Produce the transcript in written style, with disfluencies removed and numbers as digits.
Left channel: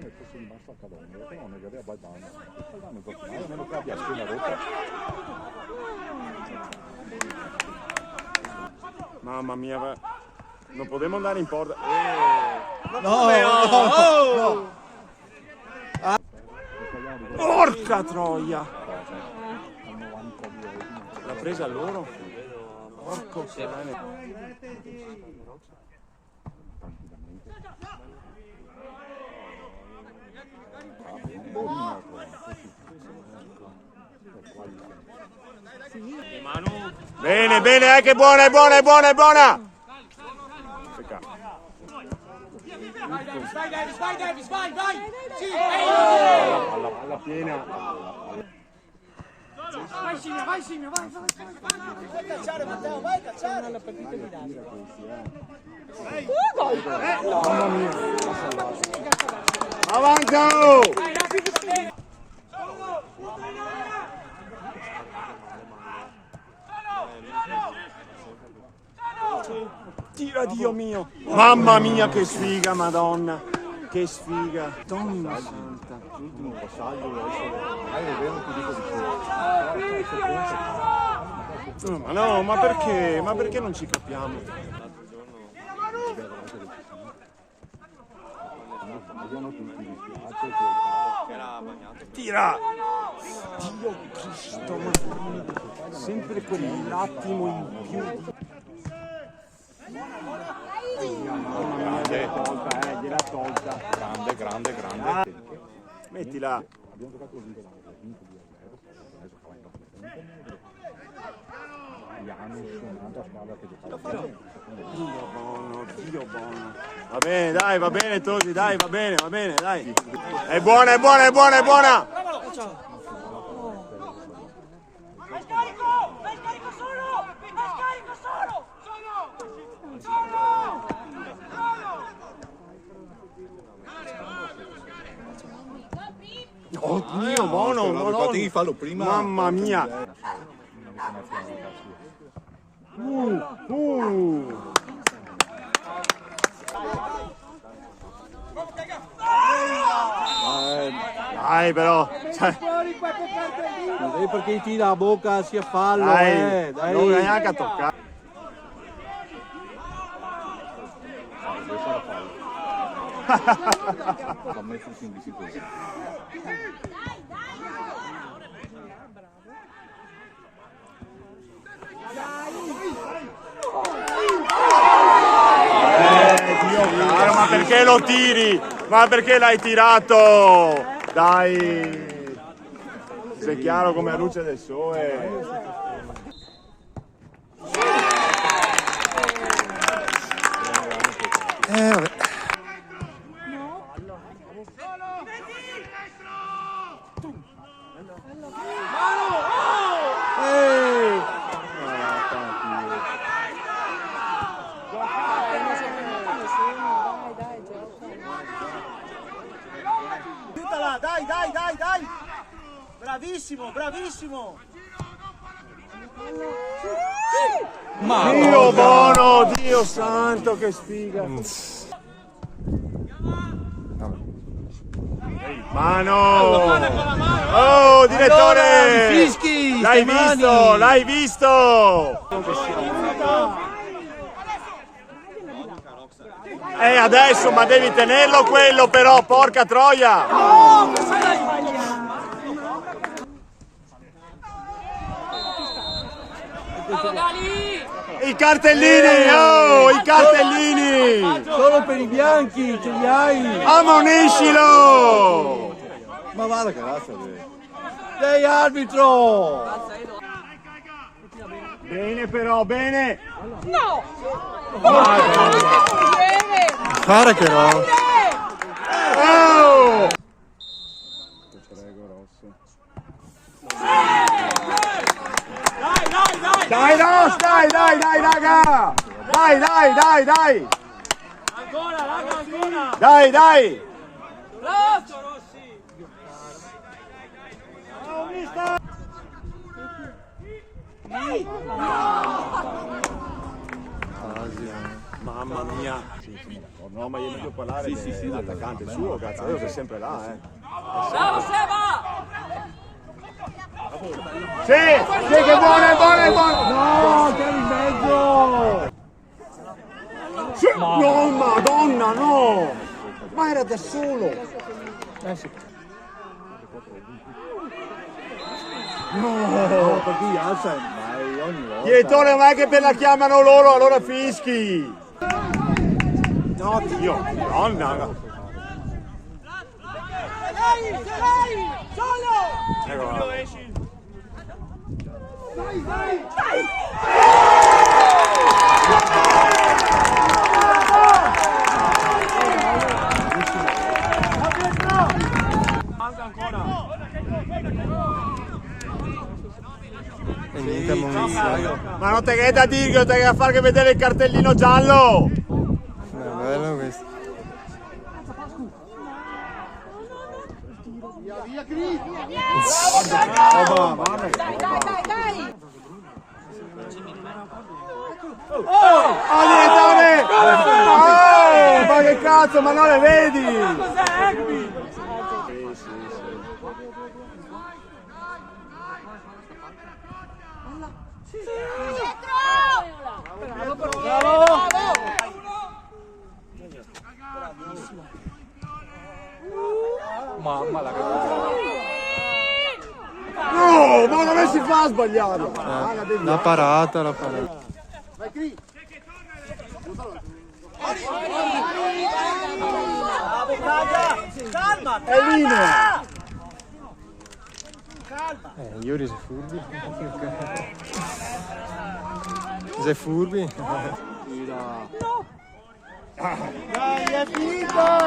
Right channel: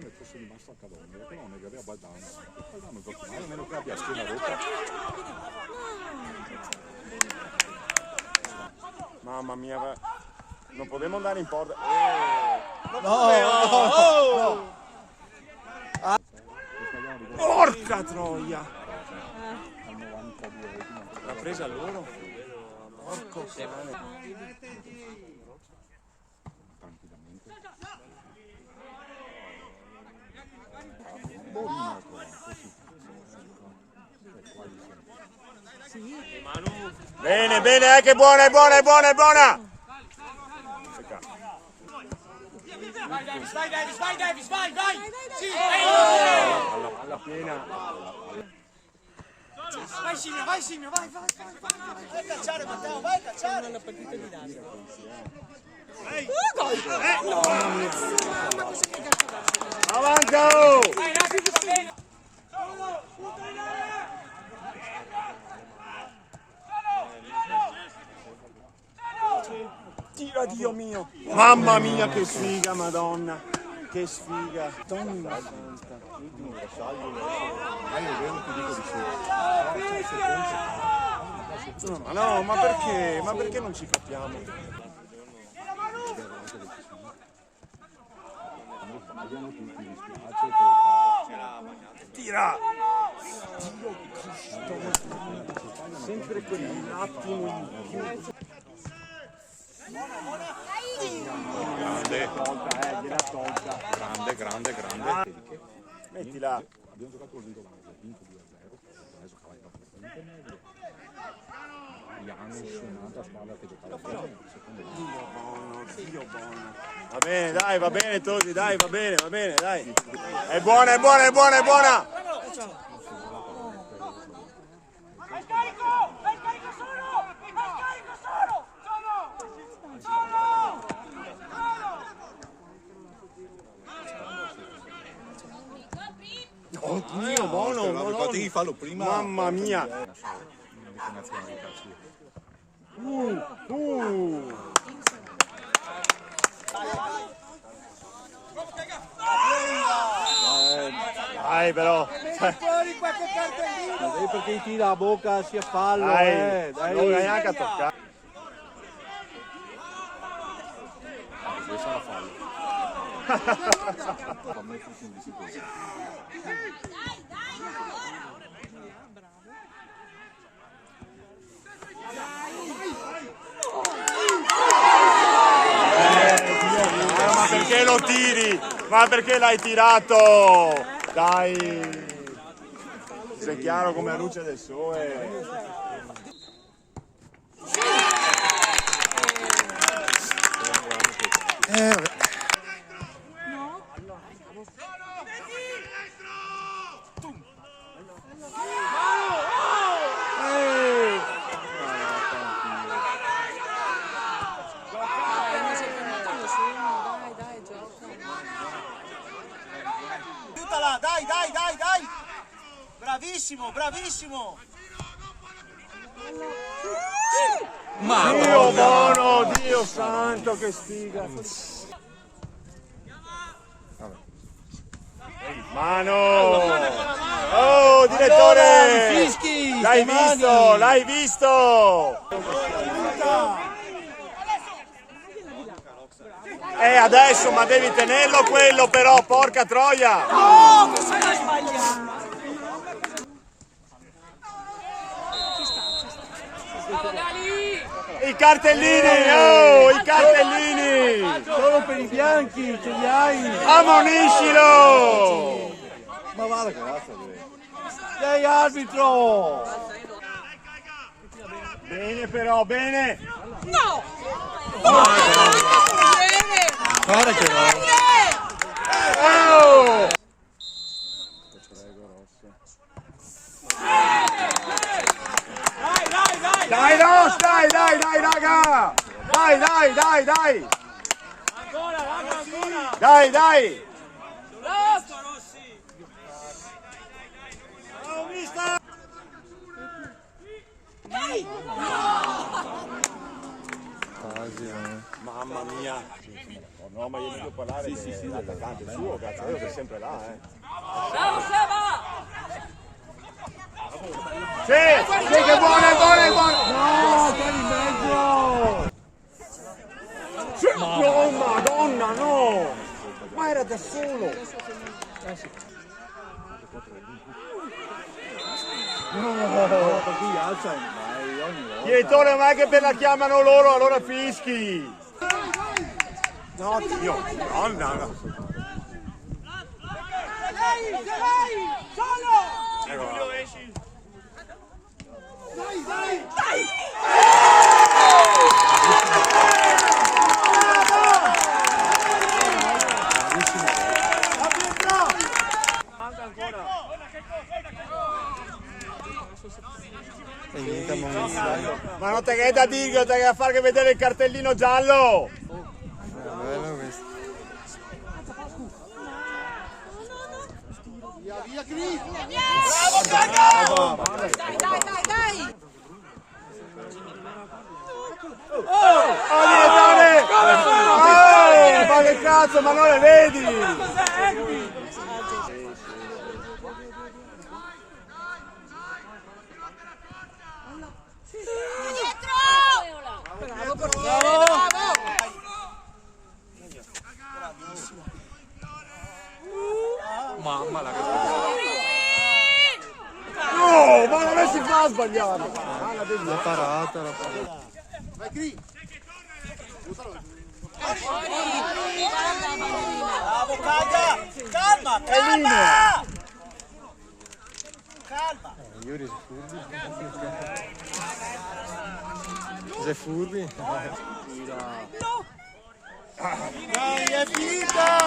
mettesse di massa a Cadorna, perché non mi aveva Baldano. Baldano gioca male, a meno che abbia schiena rotta. Mamma mia, non potremmo andare in porta. Porca troia! L'ha presa loro? Porco cane. Bene, bene, che buona, è buona, è buona, è buona! Peccato. Alla piena. Vai Simio, vai Simio, vai! Vai cacciare Matteo, vai cacciare! Alla partita di tira Mamma mia! Avanti! Tira, Dio mio! Mamma mia, che sfiga, Madonna! Che sfiga! Madonna santa! l'ultimo passaggio è vero, ti dico di sì. Ma no, ma perché? Ma perché non ci capiamo? Tira! Dio Cristo, ma sempre quell'attimo in più. Mamma mia, gliel'ha tolta. Grande, grande, grande. Mettila. Abbiamo giocato vinto 2-0. Gli hanno suonato a squadra che giocava. Dio buono, Dio buono. Va bene, dai, va bene Tosi, dai, va bene, dai. È buona, è buona, è buona, è buona. Oh mio, buono, Potevi farlo prima. Mamma mia. Dai però. Non devi perché tira la bocca sia fallo, Dai, dai. non neanche a toccare. A me fu in bicicletta. Dio caro, ma perché lo tiri? Ma perché l'hai tirato? Dai! Sei chiaro come la luce del sole. Vabbè. Dai! Bravissimo, bravissimo! Dio buono, Dio santo, che sfiga! Mano! Oh, direttore! Fischi, L'hai visto, l'hai visto! Adesso, ma devi tenerlo quello però, porca troia! I cartellini, oh, i cartellini! Solo per i bianchi, ce li hai! Ammoniscilo! Ma va la cazzo, sei arbitro! Bene però, bene! No! Guarda che no! Oh! Dai Ross, dai raga! Dai! Dai! Mamma mia! No, ma io voglio parlare dell'attaccante suo, cazzo, che è sempre là, Sì, che buono! No, c'è in mezzo! Sì, no, madonna, no! Ma era da solo! No, perché gli alza mai ogni volta. Direttore, ma è che per la chiamano loro, allora fischi! No, Dio, madonna! Ecco qua. E niente ammonizione. Ma non te che è da dire che te che a fare che vedere il cartellino giallo! No, è bello questo. Oh, direttore! Oh, ma che cazzo, ma non le vedi? Mamma la No, ma non si fa sbagliare! La parata, la parata. Calma! È linea! Iuri sei furbi. Sei furbi? Dai, è finita!